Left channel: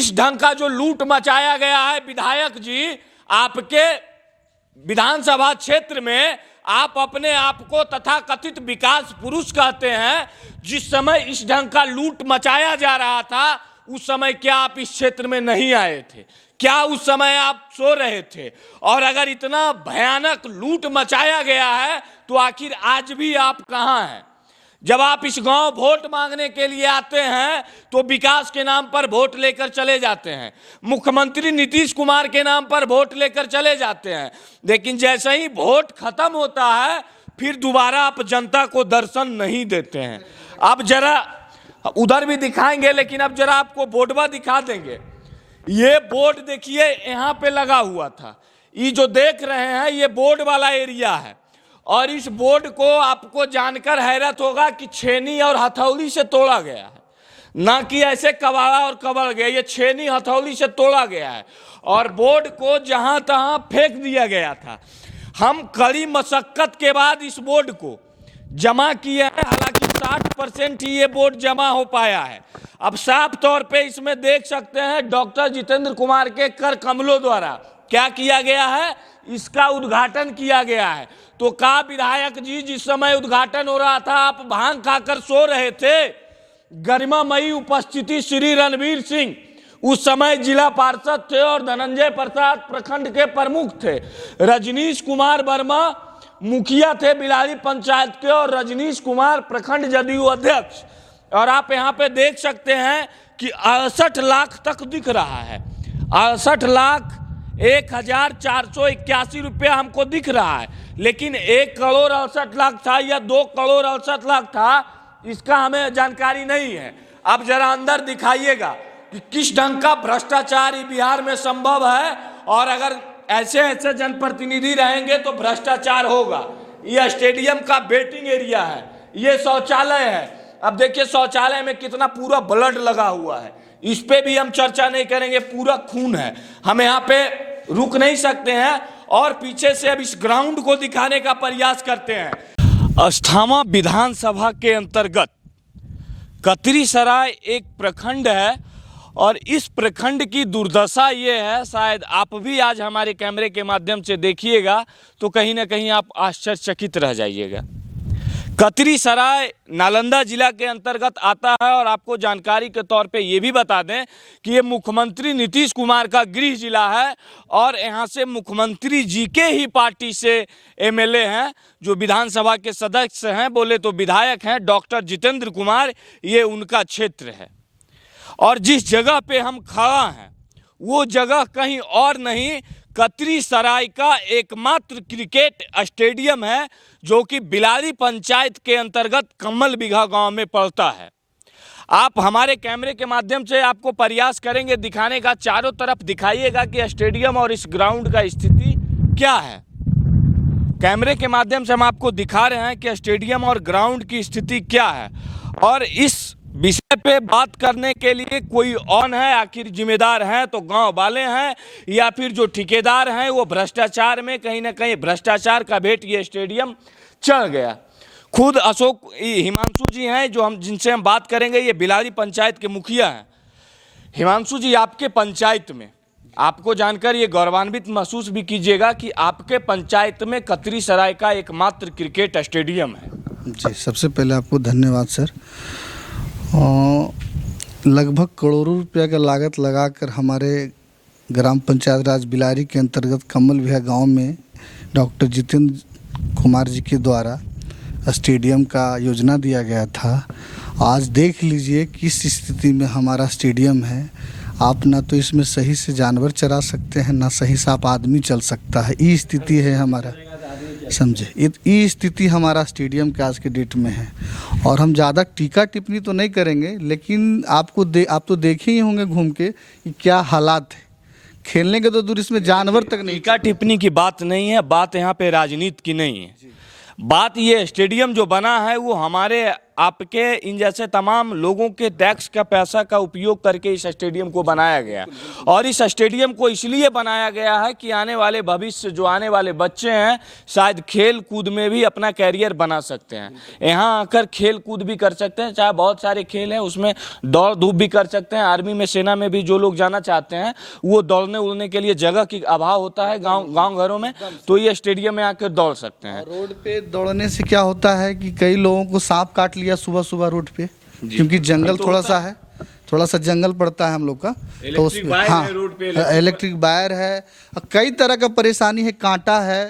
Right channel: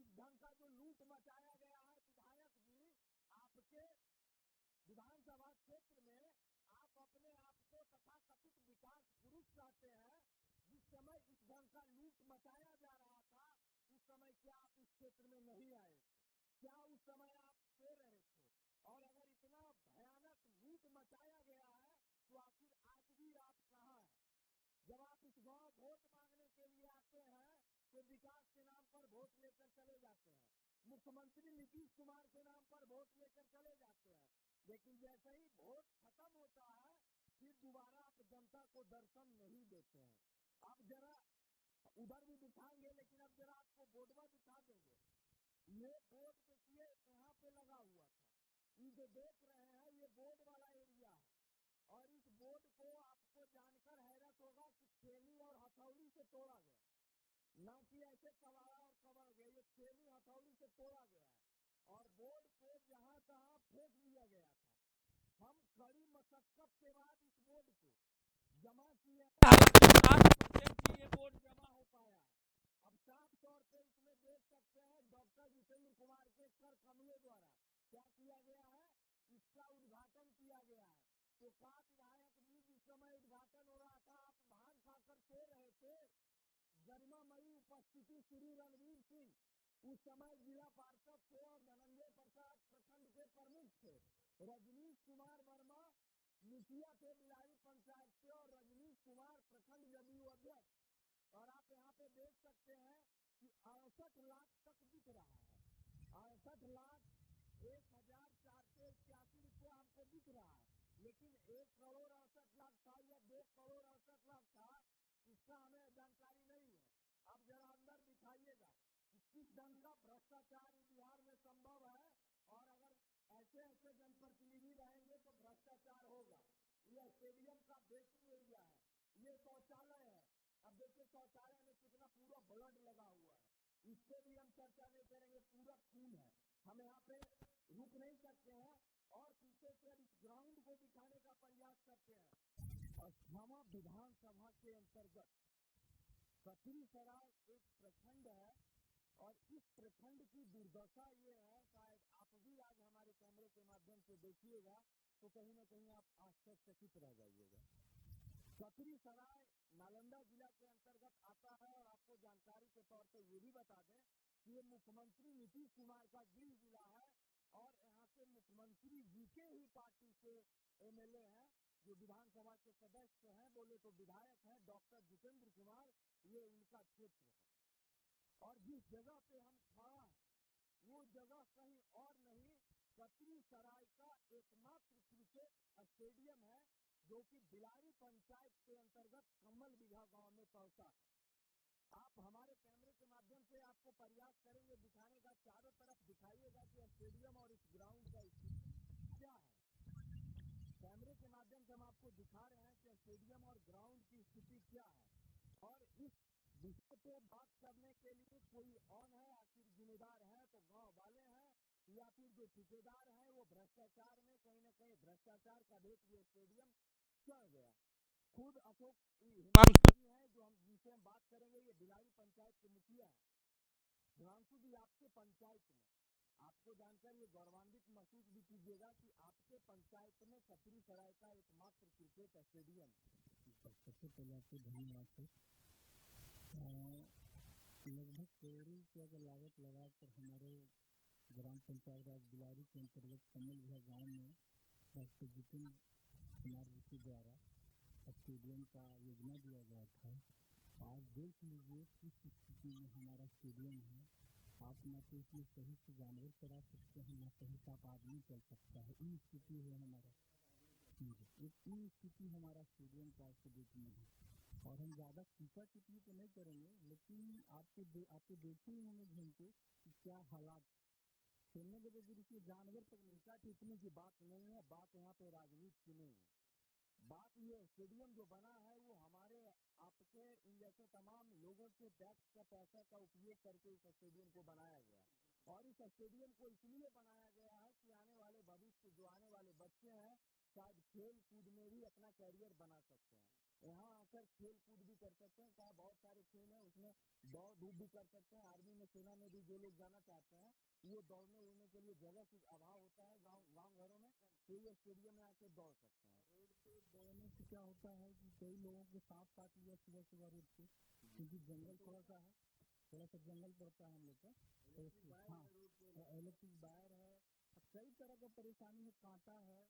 इस ढंग का जो लूट मचाया गया है विधायक जी, आपके विधानसभा क्षेत्र में आप अपने आप को तथाकथित विकास पुरुष कहते हैं। जिस समय इस ढंग का लूट मचाया जा रहा था उस समय क्या आप इस क्षेत्र में नहीं आए थे? क्या उस समय आप सो रहे थे? और अगर इतना भयानक लूट मचाया गया है तो आखिर आज भी आप कहां हैं? जब आप इस गांव वोट मांगने के लिए आते हैं तो विकास के नाम पर वोट लेकर चले जाते हैं, मुख्यमंत्री नीतीश कुमार के नाम पर वोट लेकर चले जाते हैं, लेकिन जैसे ही वोट खत्म होता है फिर दोबारा आप जनता को दर्शन नहीं देते हैं। अब जरा उधर भी दिखाएंगे, लेकिन अब जरा आपको बोर्डवा दिखा देंगे। ये बोर्ड देखिए यहाँ पे लगा हुआ था, ये जो देख रहे हैं ये बोर्ड वाला एरिया है। और इस बोर्ड को आपको जानकर हैरत होगा कि छेनी और हथौड़ी से तोड़ा गया है, ना कि ऐसे कबाड़ा और कबड़ गया। ये छेनी हथौड़ी से तोड़ा गया है और बोर्ड को जहां तहां फेंक दिया गया था। हम कड़ी मशक्कत के बाद इस बोर्ड को जमा किए हैं, ताकि 60% ही ये बोर्ड जमा हो पाया है। अब साफ तौर पे इसमें देख सकते हैं डॉक्टर जितेंद्र कुमार के कर कमलों द्वारा क्या किया गया है, इसका उद्घाटन किया गया है। तो का विधायक जी, जिस समय उद्घाटन हो रहा था आप भांग खाकर सो रहे थे। गरिमामयी उपस्थिति श्री रणवीर सिंह उस समय जिला पार्षद थे और धनंजय प्रसाद प्रखंड के प्रमुख थे। रजनीश कुमार वर्मा मुखिया थे बिलारी पंचायत के और रजनीश कुमार प्रखंड जदयू अध्यक्ष। और आप यहाँ पे देख सकते हैं कि 68 लाख तक दिख रहा है, 68,01,481 रुपया हमको दिख रहा है, लेकिन 1,68,00,000 था या 2,68,00,000 था, इसका हमें जानकारी नहीं है। अब जरा अंदर दिखाइएगा कि किस ढंग का भ्रष्टाचार बिहार में संभव है, और अगर ऐसे ऐसे जनप्रतिनिधि रहेंगे तो भ्रष्टाचार होगा। यह स्टेडियम का वेटिंग एरिया है, ये शौचालय है। अब देखिए शौचालय में कितना पूरा ब्लड लगा हुआ है, इस पे भी हम चर्चा नहीं करेंगे, पूरा खून है। हम यहाँ पे रुक नहीं सकते हैं और पीछे से अब इस ग्राउंड को दिखाने का प्रयास करते हैं। अस्थामा विधानसभा के अंतर्गत कतरीसराय एक प्रखंड है और इस प्रखंड की दुर्दशा ये है, शायद आप भी आज हमारे कैमरे के माध्यम से देखिएगा तो कहीं ना कहीं आप आश्चर्यचकित रह जाइएगा। कतरीसराय नालंदा जिला के अंतर्गत आता है और आपको जानकारी के तौर पे ये भी बता दें कि ये मुख्यमंत्री नीतीश कुमार का गृह जिला है और यहाँ से मुख्यमंत्री जी के ही पार्टी से एमएलए हैं, जो विधानसभा के सदस्य हैं, बोले तो विधायक हैं, डॉक्टर जितेंद्र कुमार, ये उनका क्षेत्र है। और जिस जगह पे हम खड़ा हैं वो जगह कहीं और नहीं, कतरीसराय का एकमात्र क्रिकेट स्टेडियम है, जो कि बिलारी पंचायत के अंतर्गत कमल बिघा गांव में पड़ता है। आप हमारे कैमरे के माध्यम से आपको प्रयास करेंगे दिखाने का, चारों तरफ दिखाइएगा कि स्टेडियम और इस ग्राउंड का स्थिति क्या है। कैमरे के माध्यम से हम आपको दिखा रहे हैं कि स्टेडियम और ग्राउंड की स्थिति क्या है, और इस विषय पे बात करने के लिए कोई ऑन है, आखिर जिम्मेदार हैं तो गांव वाले हैं या फिर जो ठेकेदार हैं वो भ्रष्टाचार में कहीं ना कहीं भ्रष्टाचार का भेंट ये स्टेडियम चढ़ गया। खुद अशोक हिमांशु जी हैं जो जिनसे हम बात करेंगे, ये बिलारी पंचायत के मुखिया हैं। हिमांशु जी, आपके पंचायत में आपको जानकर ये गौरवान्वित महसूस भी कीजिएगा कि आपके पंचायत में कतरीसराय का एकमात्र क्रिकेट स्टेडियम है। जी, सबसे पहले आपको धन्यवाद सर। लगभग करोड़ों रुपया का लागत लगाकर हमारे ग्राम पंचायत राज बिलारी के अंतर्गत कमल विहा गांव में डॉक्टर जितेंद्र कुमार जी के द्वारा स्टेडियम का योजना दिया गया था। आज देख लीजिए किस स्थिति में हमारा स्टेडियम है। आप ना तो इसमें सही से जानवर चरा सकते हैं, ना सही से आप आदमी चल सकता है, ये स्थिति है हमारा, समझे। ये स्थिति हमारा स्टेडियम के आज के डेट में है। और हम ज़्यादा टीका टिप्पणी तो नहीं करेंगे, लेकिन आप तो देखे ही होंगे घूम के कि क्या हालात है। खेलने के तो दूर, इसमें जानवर तक नहीं। टीका टिप्पणी की बात नहीं है, बात यहाँ पे राजनीति की नहीं है। बात ये स्टेडियम जो बना है वो हमारे आपके इन जैसे तमाम लोगों के टैक्स का पैसा का उपयोग करके इस स्टेडियम को बनाया गया। और इस स्टेडियम को इसलिए बनाया गया है कि आने वाले भविष्य, जो आने वाले बच्चे हैं, शायद खेल कूद में भी अपना कैरियर बना सकते हैं, यहाँ आकर खेल कूद भी कर सकते हैं। चाहे बहुत सारे खेल हैं, उसमें दौड़ धूप भी कर सकते हैं। आर्मी में, सेना में भी जो लोग जाना चाहते हैं, वो दौड़ने उड़ने के लिए जगह की अभाव होता है गाँव घरों में, तो ये स्टेडियम में आकर दौड़ सकते हैं। रोड पे दौड़ने से क्या होता है कि कई लोगों को सांप काट लिया सुबह सुबह रोड पे, क्योंकि जंगल थोड़ा सा है, थोड़ा सा जंगल पड़ता है हम लोग का, तो उसमें हाँ इलेक्ट्रिक वायर है, कई तरह का परेशानी है, कांटा है,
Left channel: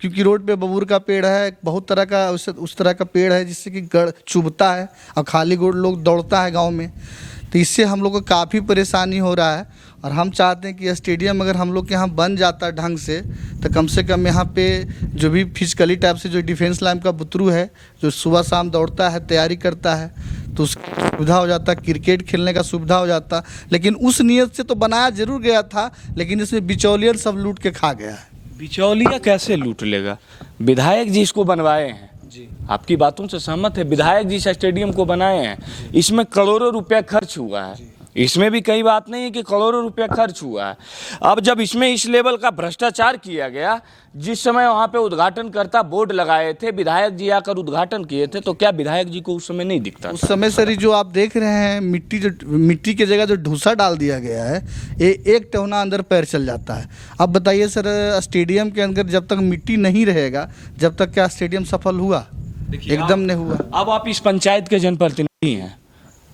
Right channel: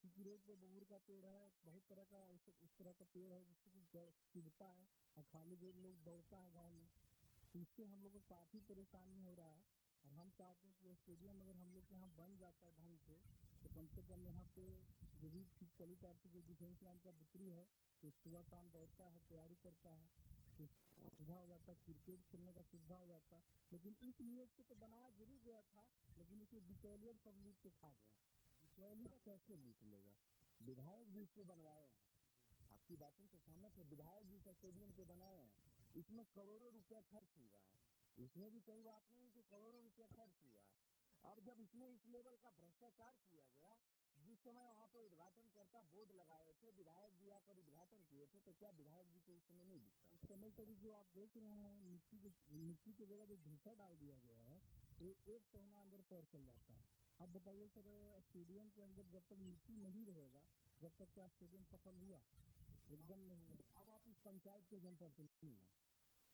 क्योंकि रोड पे बबूर का पेड़ है, बहुत तरह का उस तरह का पेड़ है जिससे कि गड़ चुभता है और खाली गोड़ लोग दौड़ता है गाँव में, तो इससे हम लोग को काफ़ी परेशानी हो रहा है। और हम चाहते हैं कि स्टेडियम अगर हम लोग के यहाँ बन जाता ढंग से कम यहाँ पे जो भी फिजिकली टाइप से जो डिफेंस लाइन का बुतरू है, जो सुबह शाम दौड़ता है, तैयारी करता है, तो उसकी सुविधा हो जाता, क्रिकेट खेलने का सुविधा हो जाता। लेकिन उस नियत से तो बनाया जरूर गया था, लेकिन इसमें बिचौलियन सब लूट के खा गया है। बिचौलिया कैसे लूट लेगा? विधायक जी इसको बनवाए हैं जी, आपकी बातों से सहमत है। विधायक जी इस स्टेडियम को बनाए हैं, इसमें करोड़ों रुपया खर्च हुआ है, इसमें भी कई बात नहीं है कि करोड़ों रुपया खर्च हुआ है। अब जब इसमें इस लेवल का भ्रष्टाचार किया गया, जिस समय वहाँ पे उद्घाटन करता बोर्ड लगाए थे, विधायक जी आकर उद्घाटन किए थे, तो क्या विधायक जी को उस समय नहीं दिखता? उस समय सर जो आप देख रहे हैं, मिट्टी की जगह जो ढूंसा डाल दिया गया है, ये एक टहना अंदर पैर चल जाता है। अब बताइए सर, स्टेडियम के अंदर जब तक मिट्टी नहीं रहेगा, जब तक क्या स्टेडियम सफल हुआ? एकदम नहीं हुआ। अब आप इस पंचायत के जनप्रतिनिधि हैं,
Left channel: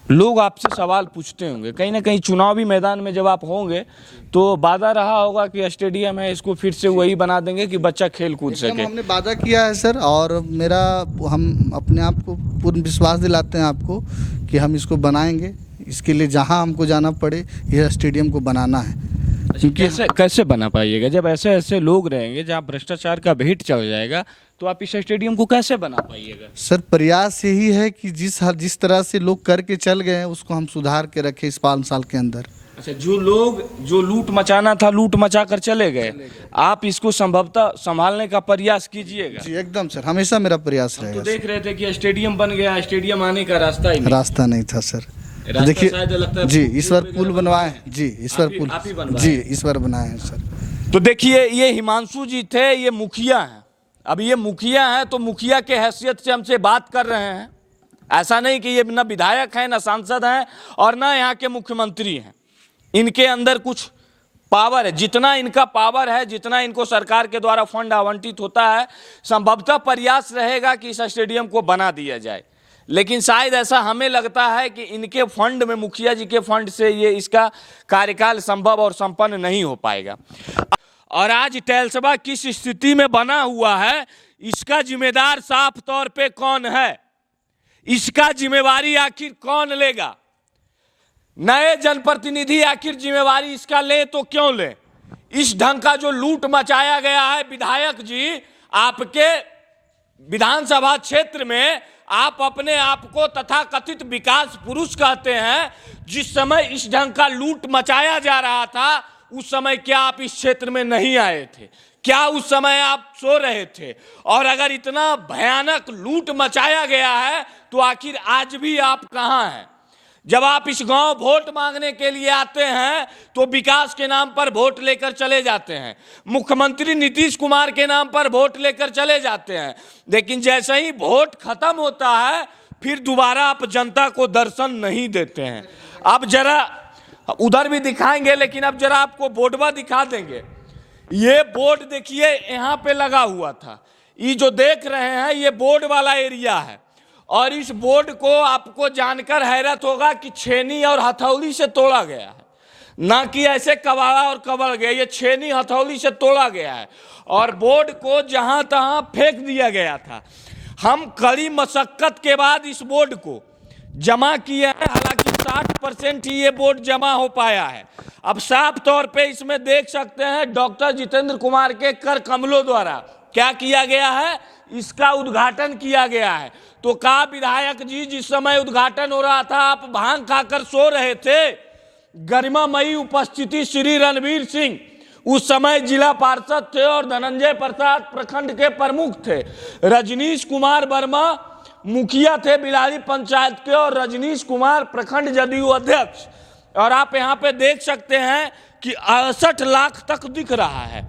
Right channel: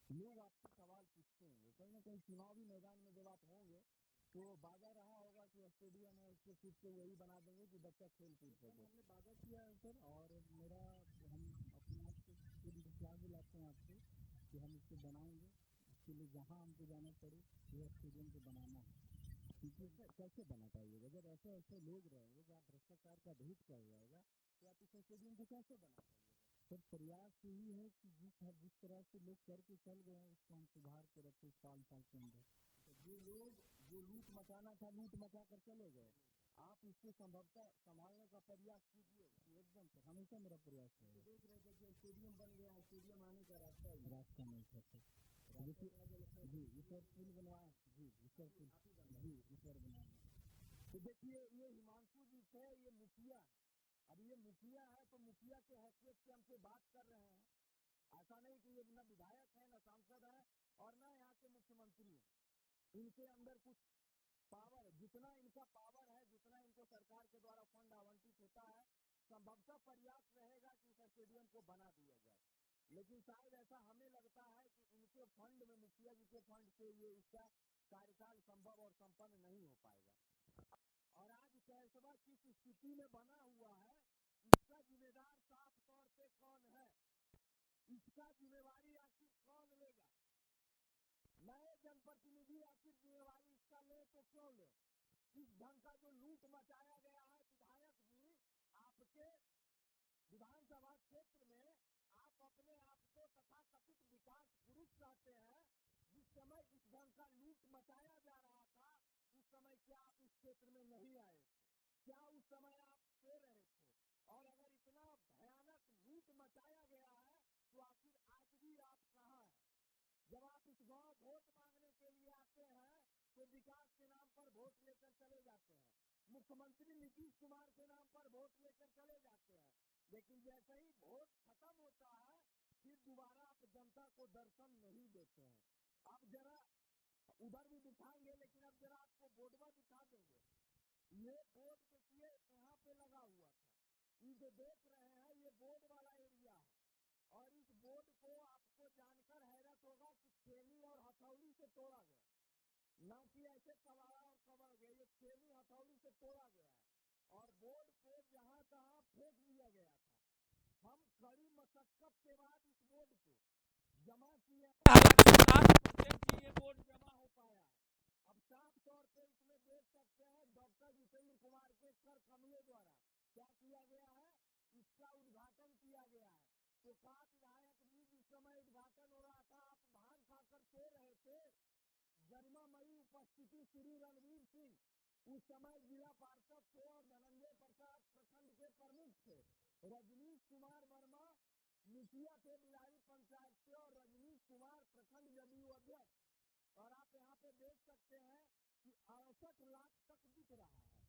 लोग आपसे सवाल पूछते होंगे, कहीं ना कहीं चुनावी मैदान में जब आप होंगे तो वादा रहा होगा कि स्टेडियम है, इसको फिर से वही बना देंगे कि बच्चा खेल कूद सके। हमने वादा किया है सर, और हम अपने आप को पूर्ण विश्वास दिलाते हैं आपको कि हम इसको बनाएंगे। इसके लिए जहां हमको जाना पड़े, यह स्टेडियम को बनाना है। क्योंकि कैसे बना पाइएगा जब ऐसे ऐसे लोग रहेंगे, जहाँ भ्रष्टाचार का भेंट चल जाएगा, तो आप इस स्टेडियम को कैसे बना पाइएगा? सर प्रयास यही है कि जिस तरह से लोग करके चल गए हैं, उसको हम सुधार के रखें इस 5 साल के अंदर। अच्छा, जो लूट मचाना था, लूट मचा कर चले गए, आप इसको संभवतः संभालने का प्रयास कीजिएगा। जी एकदम सर, हमेशा मेरा प्रयास रहेगा। तो देख रहे थे कि स्टेडियम बन गया, स्टेडियम आने का रास्ता नहीं था सर। देखिए जी, इस बार पुल बनवाए जी, इस बार पुल जी इस बार बनाए हैं सर। तो देखिए, ये हिमांशु जी थे, ये मुखिया हैं। अब ये मुखिया हैं तो मुखिया के हैसियत से हमसे बात कर रहे हैं। ऐसा नहीं कि ये ना विधायक हैं, ना सांसद हैं, और ना यहाँ के मुख्यमंत्री हैं। इनके अंदर कुछ पावर है, जितना इनका पावर है, जितना इनको सरकार के द्वारा फंड आवंटित होता है, संभवतः प्रयास रहेगा कि इस स्टेडियम को बना दिया जाए। लेकिन शायद ऐसा हमें लगता है कि इनके फंड में, मुखिया जी के फंड से ये इसका कार्यकाल संभव और संपन्न नहीं हो पाएगा। और आज टैलसबा किस स्थिति में बना हुआ है, इसका जिम्मेदार साफ तौर पे कौन है? इसका जिम्मेवारी आखिर कौन लेगा? नए जनप्रतिनिधि आखिर जिम्मेवारी इसका ले तो क्यों ले? इस ढंग का जो लूट मचाया गया है, विधायक जी, आपके विधानसभा क्षेत्र में आप अपने आप को तथाकथित विकास पुरुष कहते हैं। जिस समय इस ढंग का लूट मचाया जा रहा था, उस समय क्या आप इस क्षेत्र में नहीं आए थे? क्या उस समय आप सो रहे थे? और अगर इतना भयानक लूट मचाया गया है, तो आखिर आज भी आप कहां हैं? जब आप इस गांव वोट मांगने के लिए आते हैं, तो विकास के नाम पर वोट लेकर चले जाते हैं, मुख्यमंत्री नीतीश कुमार के नाम पर वोट लेकर चले जाते हैं। लेकिन जैसे ही वोट खत्म होता है, फिर दोबारा आप जनता को दर्शन नहीं देते हैं। अब जरा उधर भी दिखाएंगे, लेकिन अब जरा आपको बोर्डवा दिखा देंगे। ये बोर्ड देखिए, यहाँ पे लगा हुआ था। ये जो देख रहे हैं, ये बोर्ड वाला एरिया है। और इस बोर्ड को आपको जानकर हैरत होगा कि छेनी और हथौड़ी से तोड़ा गया है, ना कि ऐसे कबाड़ा और कबड़ गया। ये छेनी हथौड़ी से तोड़ा गया है और बोर्ड को जहां तहां फेंक दिया गया था। हम कड़ी मशक्कत के बाद इस बोर्ड को जमा किए हैं, ताकि 60% ही ये बोर्ड जमा हो पाया है। अब साफ तौर पे इसमें देख सकते हैं, डॉक्टर जितेंद्र कुमार के कर कमलों द्वारा क्या किया गया है, इसका उद्घाटन किया गया है। तो कहा, विधायक जी, जिस समय उद्घाटन हो रहा था, आप भांग खाकर सो रहे थे। गरिमामयी उपस्थिति श्री रणवीर सिंह उस समय जिला पार्षद थे और धनंजय प्रसाद प्रखंड के प्रमुख थे। रजनीश कुमार वर्मा मुखिया थे बिलारी पंचायत के और रजनीश कुमार प्रखंड जदयू अध्यक्ष। और आप यहाँ पे देख सकते हैं कि 68 लाख तक दिख रहा है,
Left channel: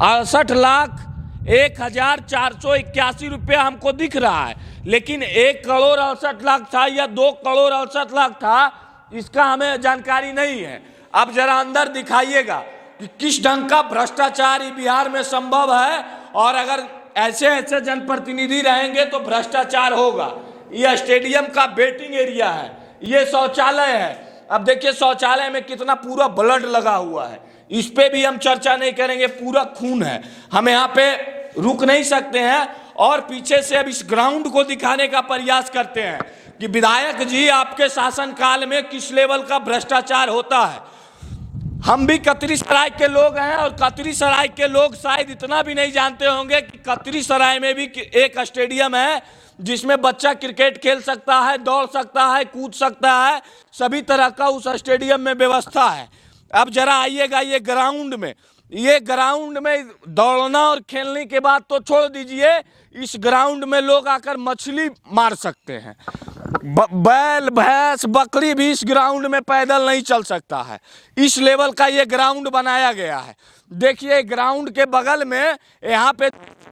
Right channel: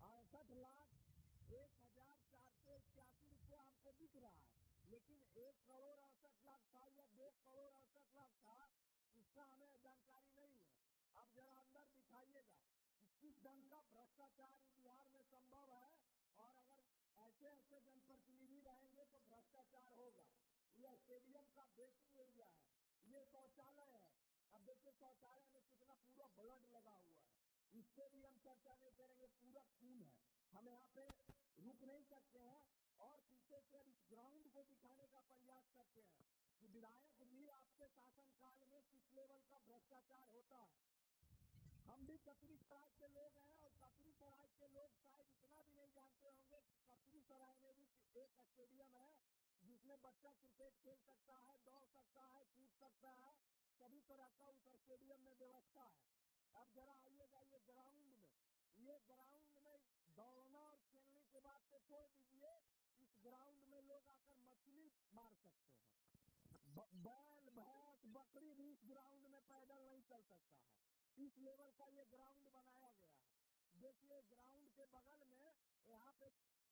68,01,481 रुपया हमको दिख रहा है, लेकिन 1,68,00,000 था या 2,68,00,000 था, इसका हमें जानकारी नहीं है। अब जरा अंदर दिखाइएगा कि किस ढंग का भ्रष्टाचार बिहार में संभव है, और अगर ऐसे ऐसे जनप्रतिनिधि रहेंगे तो भ्रष्टाचार होगा। ये स्टेडियम का वेटिंग एरिया है, ये शौचालय है। अब देखिए शौचालय में कितना पूरा ब्लड लगा हुआ है, इस पे भी हम चर्चा नहीं करेंगे, पूरा खून है। हम यहाँ पे रुक नहीं सकते हैं और पीछे से अब इस ग्राउंड को दिखाने का प्रयास करते हैं कि विधायक जी आपके शासनकाल में किस लेवल का भ्रष्टाचार होता है। हम भी कतरी सराय के लोग हैं और कतरी सराय के लोग शायद इतना भी नहीं जानते होंगे कि कतरी सराय में भी एक स्टेडियम है जिसमें बच्चा क्रिकेट खेल सकता है, दौड़ सकता है, कूद सकता है, सभी तरह का उस स्टेडियम में व्यवस्था है। अब जरा आइएगा ये ग्राउंड में दौड़ना और खेलने के बाद तो छोड़ दीजिए, इस ग्राउंड में लोग आकर मछली मार सकते हैं। बैल भैंस बकरी भी इस ग्राउंड में पैदल नहीं चल सकता है, इस लेवल का ये ग्राउंड बनाया गया है। देखिए ग्राउंड के बगल में यहाँ पे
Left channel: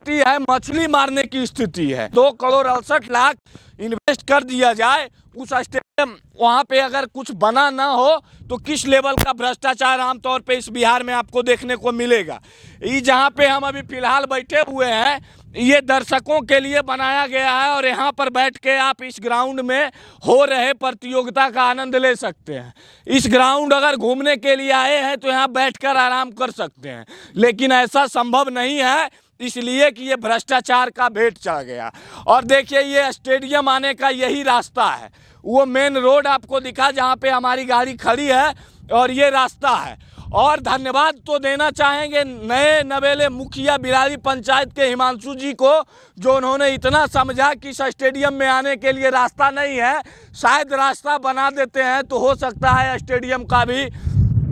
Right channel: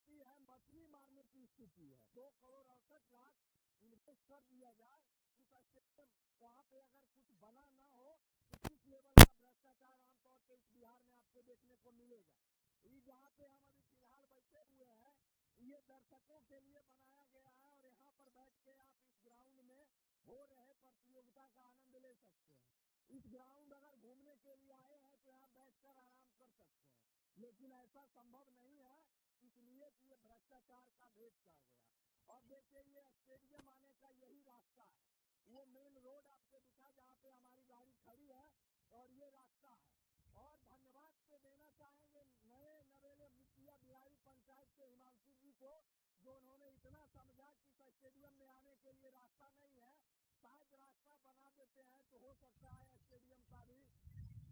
है मछली मारने की स्थिति है। 2,68,00,000 इन्वेस्ट कर दिया जाए उस स्टेडियम, वहाँ पे अगर कुछ बना ना हो तो किस लेवल का भ्रष्टाचार आमतौर पे इस बिहार में आपको देखने को मिलेगा। ये जहाँ पे हम अभी फिलहाल बैठे हुए हैं ये दर्शकों के लिए बनाया गया है और यहाँ पर बैठ के आप इस ग्राउंड में हो रहे प्रतियोगिता का आनंद ले सकते हैं। इस ग्राउंड अगर घूमने के लिए आए हैं तो यहाँ बैठकर आराम कर सकते हैं, लेकिन ऐसा संभव नहीं है, इसलिए कि ये भ्रष्टाचार का भेंट चढ़ गया। और देखिए ये स्टेडियम आने का यही रास्ता है, वो मेन रोड आपको दिखा जहाँ पे हमारी गाड़ी खड़ी है और ये रास्ता है। और धन्यवाद तो देना चाहेंगे नए नवेले मुखिया बिलारी पंचायत के हिमांशु जी को, जो उन्होंने इतना समझा कि इस स्टेडियम में आने के लिए रास्ता नहीं है, शायद रास्ता बना देते हैं तो हो सकता है स्टेडियम का भी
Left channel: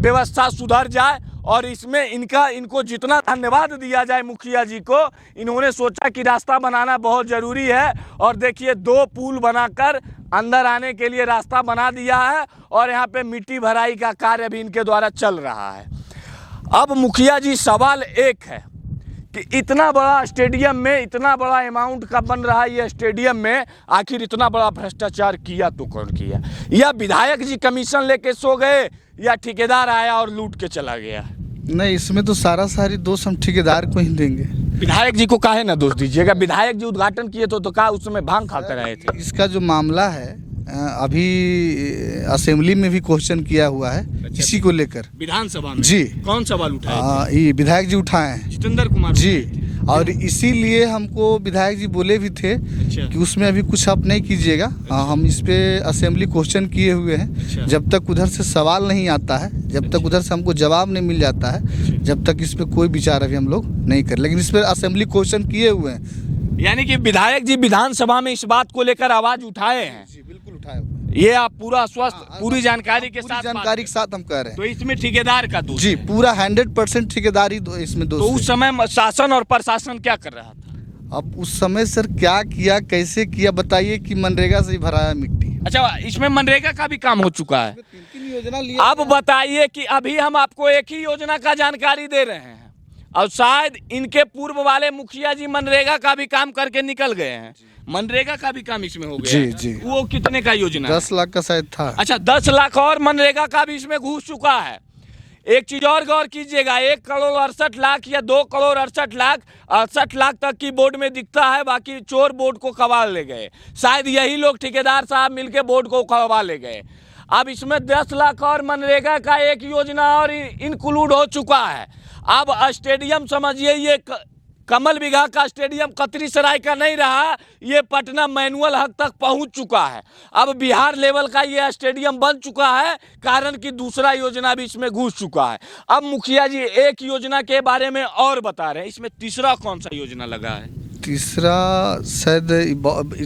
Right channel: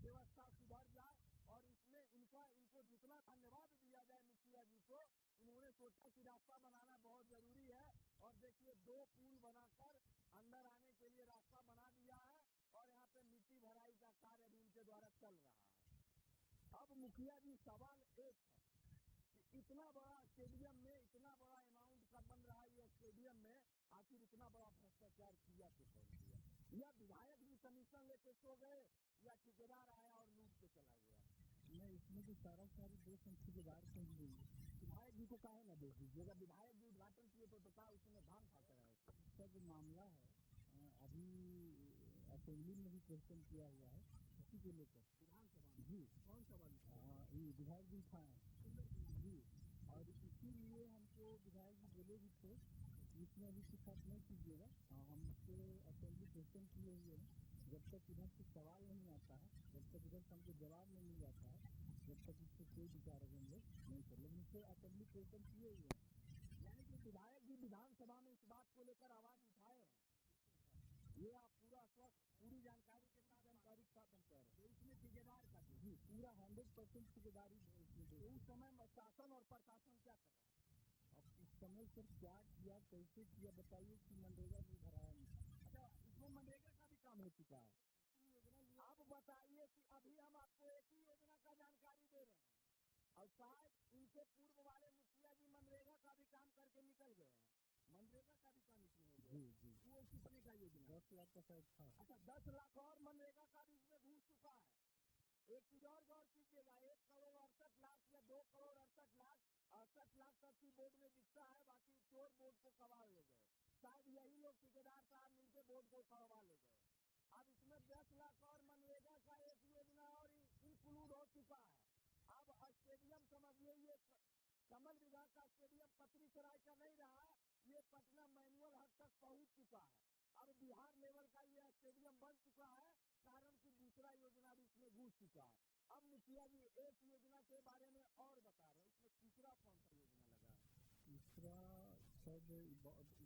व्यवस्था सुधर जाए। और इसमें इनको जितना धन्यवाद दिया जाए मुखिया जी को, इन्होंने सोचा कि रास्ता बनाना बहुत ज़रूरी है। और देखिए 2 पुल बनाकर अंदर आने के लिए रास्ता बना दिया है और यहाँ पे मिट्टी भराई का कार्य भी इनके द्वारा चल रहा है। अब मुखिया जी सवाल एक है कि इतना बड़ा स्टेडियम में इतना बड़ा अमाउंट का बन रहा है ये स्टेडियम में, आखिर इतना बड़ा भ्रष्टाचार किया तो कौन किया? या विधायक जी कमीशन लेके सो गए या ठेकेदार आया और लूट के चला गया? नहीं, इसमें तो सारी दोष हम ठेकेदार को ही देंगे। विधायक जी को काहे ना दोष दीजिएगा? विधायक जी उद्घाटन किए तो कहा उस समय भांग खाते रहे थे। इसका जो मामला है अभी असेंबली में भी क्वेश्चन किया हुआ है। अच्छा, इसी को लेकर विधानसभा में जी कौन सवाल उठाए? ये विधायक जी उठाए हैं, जितेंद्र कुमार जी। और इसीलिए हमको विधायक जी बोले भी थे कि उसमें अभी कुछ आप नहीं कीजिएगा। हम इस पे असेंबली क्वेश्चन किए हुए हैं। जब तक उधर से सवाल नहीं आता है, जब तक उधर से हमको जवाब नहीं मिल जाता है, जब तक इस पे कोई विचार अभी हम लोग नहीं कर, लेकिन इस पे असेंबली क्वेश्चन किए हुए हैं। यानी कि विधायक जी विधानसभा में इस बात को लेकर आवाज उठाए हैं? जी बिल्कुल उठाए हुए। ये आप पूरा स्वस्थ पूरी जानकारी के साथ हम कह रहे हैं। तो इसमें ठेकेदार का दोष जी, पूरा 100% ठेकेदारी इसमें दोष। तो उस समय शासन और प्रशासन क्या कर रहा था? अब उस समय सर क्या किया, कैसे किया बताइए? कि मनरेगा से ही भराया मिट्टी। अच्छा, इसमें मनरेगा का भी काम हो चुका है। 3 योजना लिया। अब बताइए कि अभी हम आपको एक ही योजना का जानकारी दे रहे हैं और शायद इनके पूर्व वाले मुखिया जी मनरेगा का भी काम करके निकल गए हैं। मनरेगा का भी काम इसमें हो गया। जी जी। वो कितने का योजना? 10 लाख का शायद था। अच्छा, 10 लाख और मनरेगा का भी इसमें घुस चुका है। एक चीज और गौर कीजिएगा, 1,68,00,000 या 2,68,00,000 तक की बोर्ड में दिखता है, बाकी चोर बोर्ड को कबाड़ ले गए। शायद यही लोग ठेकेदार साहब मिलके बोर्ड को कबा ले गए। अब इसमें 10 लाख और मनरेगा का एक योजना और इंक्लूड हो चुका है। अब स्टेडियम समझिए, ये कमल बिघा का स्टेडियम कतरी सराय का नहीं रहा, ये पटना मैनुअल हक तक पहुंच चुका है। अब बिहार लेवल का ये स्टेडियम बन चुका है, कारण कि दूसरा योजना भी इसमें घुस चुका है। अब मुखिया जी एक योजना के बारे में और बता रहे हैं, इसमें तीसरा कौन सा योजना लगा है? तीसरा शायद ये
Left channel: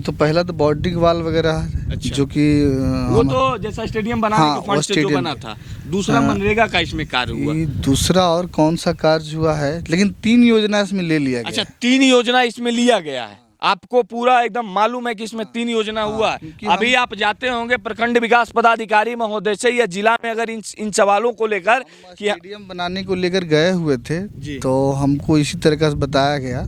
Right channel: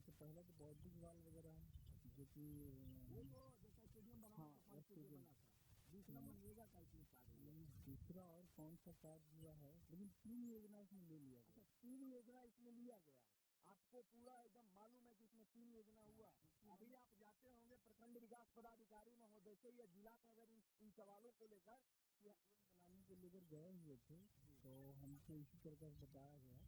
तो पहला तो बॉर्डिंग वाल वगैरह है। अच्छा। जो कि वो तो जैसा स्टेडियम बनाने के फंड से जो बना था। दूसरा मनरेगा का इसमें कार्य हुआ। दूसरा और कौन सा कार्य हुआ है, लेकिन 3 योजना इसमें ले लिया गया। अच्छा, 3 योजना इसमें लिया गया है। आपको पूरा एकदम मालूम है कि इसमें 3 योजना हुआ है। क्योंकि अभी आप जाते होंगे प्रखंड विकास पदाधिकारी महोदय से या जिला में अगर इन सवालों को लेकर कि स्टेडियम बनाने को लेकर गए हुए थे जी। तो हमको इसी तरीके से बताया गया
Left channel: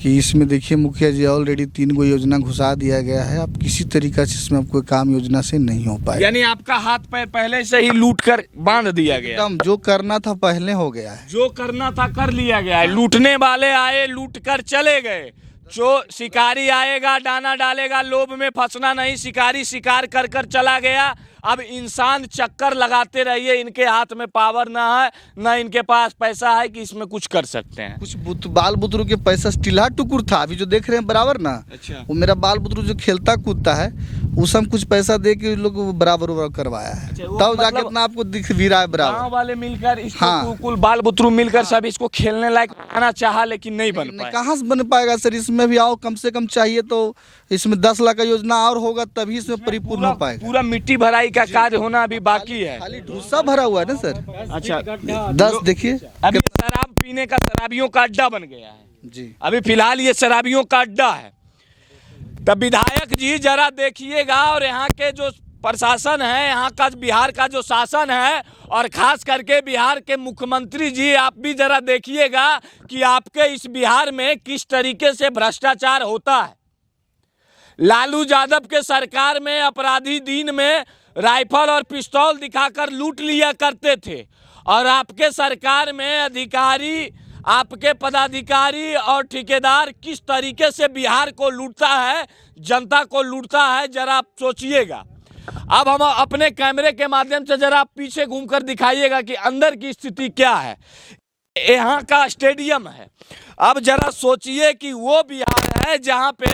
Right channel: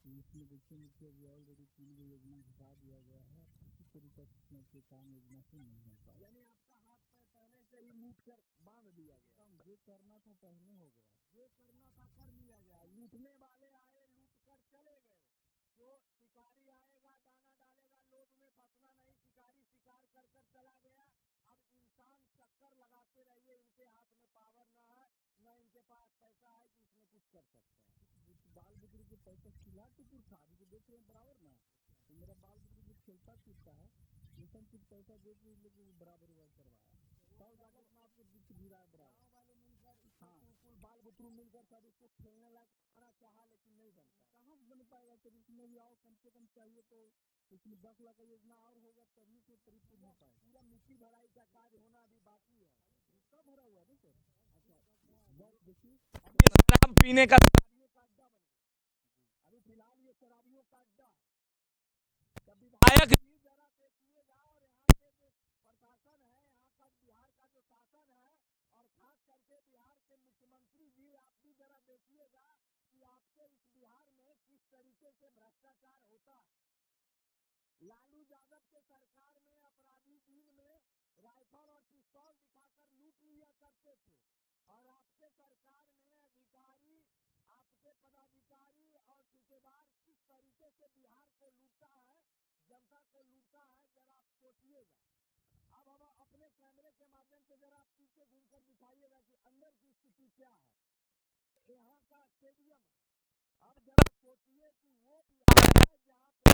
कि इसमें देखिए मुखिया जी ऑलरेडी 3 गो योजना घुसा दिया गया है, अब किसी तरीका से इसमें अब कोई काम योजना से नहीं हो पाएगा। यानी आपका हाथ पैर पहले से ही लूट कर बांध दिया गया, एकदम जो करना था पहले हो गया है। जो करना था कर लिया गया है। लूटने वाले आए, लूट कर चले गए। जो शिकारी आएगा, दाना डालेगा, लोभ में फंसना नहीं। शिकारी शिकार कर कर चला गया। अब इंसान चक्कर लगाते रहिए, इनके हाथ में पावर ना है, ना इनके पास पैसा है कि इसमें कुछ कर सकते हैं। कुछ बाल बुतरू के पैसा टिल्हा टुकुर था, अभी जो देख रहे हैं बराबर ना। अच्छा। वो मेरा बाल बुतरू जो खेलता कूदता है उस हम कुछ पैसा दे के लोग बराबर करवाया है, अच्छा, वो तब जाके मतलब इतना आपको दिख भी रहा है बराबर। गांव वाले मिलकर इसको हाँ। कुल बाल बुतरू मिलकर सब इसको खेलने लायक बनाना चाहा, लेकिन नहीं बन पाया। कहाँ से बन पाएगा सर, इसमें भी आओ कम से कम चाहिए तो इसमें 10 लाख का योजना और होगा तभी इसमें परिपूर्ण हो पाएगा। पूरा मिट्टी भराई का कार्य होना अभी बाकी है। खाली ढूसा भरा हुआ है ना सर। अच्छा, 10 देखिए अभी शराबियों का अड्डा बन गया है जी। अभी फिलहाल ये शराबियों का अड्डा है। तब विधायक जी जरा देखिएगा, और यहाँ के जो प्रशासन है, यहाँ का बिहार का जो शासन है, और खास करके बिहार के मुख्यमंत्री जी, आप भी जरा देखिएगा कि आपके इस बिहार में किस तरीके से भ्रष्टाचार होता है। लालू यादव के सरकार में अपराधी दिन में राइफल और पिस्तौल दिखाकर लूट लिया करते थे, और आपके सरकार में अधिकारी, आपके पदाधिकारी और ठेकेदार किस तरीके से बिहार को लूटता है, जनता को लूटता है, जरा आप सोचिएगा। अब हम अपने कैमरे के माध्यम से जरा आप पीछे घूमकर दिखाइएगा कि अंदर की स्थिति क्या है। यहाँ का स्टेडियम है। अब जरा सोचिए कि वो बिहार है जहाँ पे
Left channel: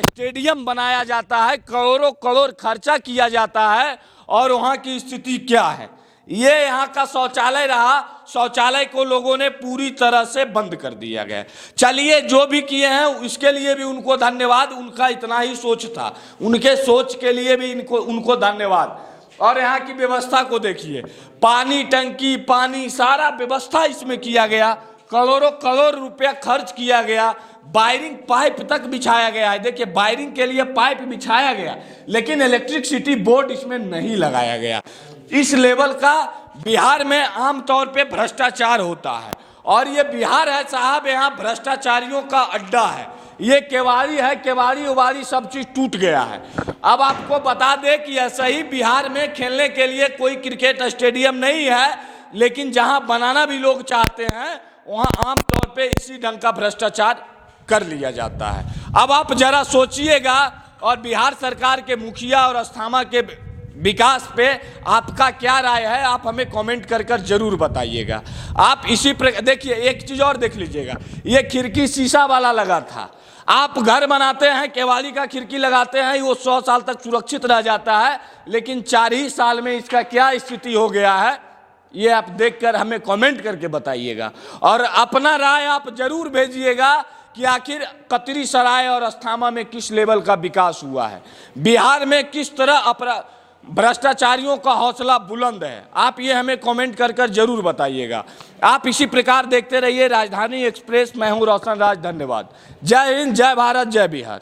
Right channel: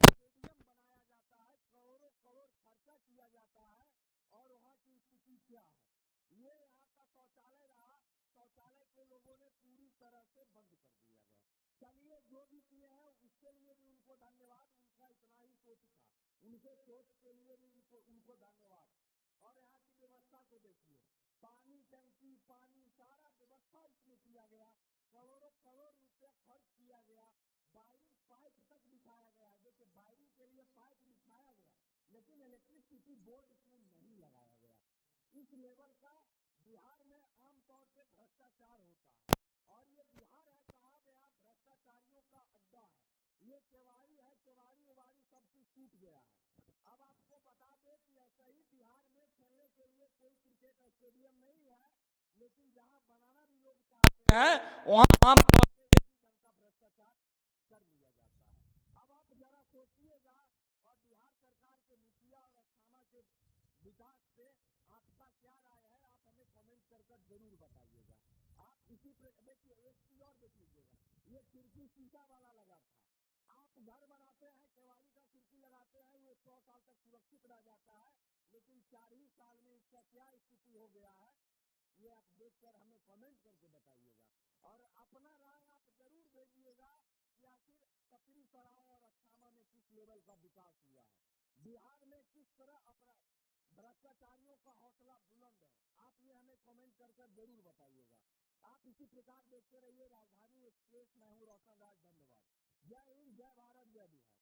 स्टेडियम बनाया जाता है, करोड़ों करोड़ खर्चा किया जाता है, और वहाँ की स्थिति क्या है। ये यहाँ का शौचालय रहा, शौचालय को लोगों ने पूरी तरह से बंद कर दिया गया। चलिए, जो भी किए हैं इसके लिए भी उनको धन्यवाद, उनका इतना ही सोच था, उनके सोच के लिए भी उनको धन्यवाद। और यहाँ की व्यवस्था को देखिए, पानी टंकी, पानी, सारा व्यवस्था इसमें किया गया, करोड़ों करोड़ रुपया खर्च किया गया, वायरिंग पाइप तक बिछाया गया है। देखिए, वायरिंग के लिए पाइप बिछाया गया, लेकिन इलेक्ट्रिसिटी बोर्ड इसमें नहीं लगाया गया। इस लेवल का बिहार में आमतौर पे भ्रष्टाचार होता है, और ये बिहार है साहब, यहाँ भ्रष्टाचारियों का अड्डा है। ये केवाड़ी है, केवाड़ी उवाड़ी सब चीज टूट गया है। अब आपको बता दें कि ऐसा ही बिहार में खेलने के लिए कोई क्रिकेट स्टेडियम नहीं है, लेकिन जहां बनाना भी लोग चाहते हैं आमतौर पे इसी ढंग का भ्रष्टाचार कर लिया जाता है। अब आप जरा सोचिएगा, और बिहार सरकार के मुखिया और अस्थामा के विकास पे आपका क्या राय है, आप हमें कमेंट कर कर जरूर बताइएगा। आप इसी प्रकार देखिए, एक चीज और देख लीजिएगा, ये खिड़की शीशा वाला लगा था। आप घर बनाते हैं, केवाड़ी का खिड़की लगाते हैं, वो 100 साल तक सुरक्षित रह जाता है, लेकिन 4 ही साल में इसका क्या स्थिति हो गया है, ये आप देखकर हमें कमेंट करके बताइएगा। और अपना राय आप जरूर भेजिएगा कि आखिर कतरी सराय और अस्थामा में किस लेवल का विकास हुआ है, बिहार में किस तरह भ्रष्टाचारियों का हौसला बुलंद है। आप ये हमें कमेंट कर कर जरूर बताइएगा। आप इसी प्रकार देखते रहिए राजधानी एक्सप्रेस। मैं हूं रोशन राज, धन्यवाद। जय हिंद, जय भारत, जय बिहार।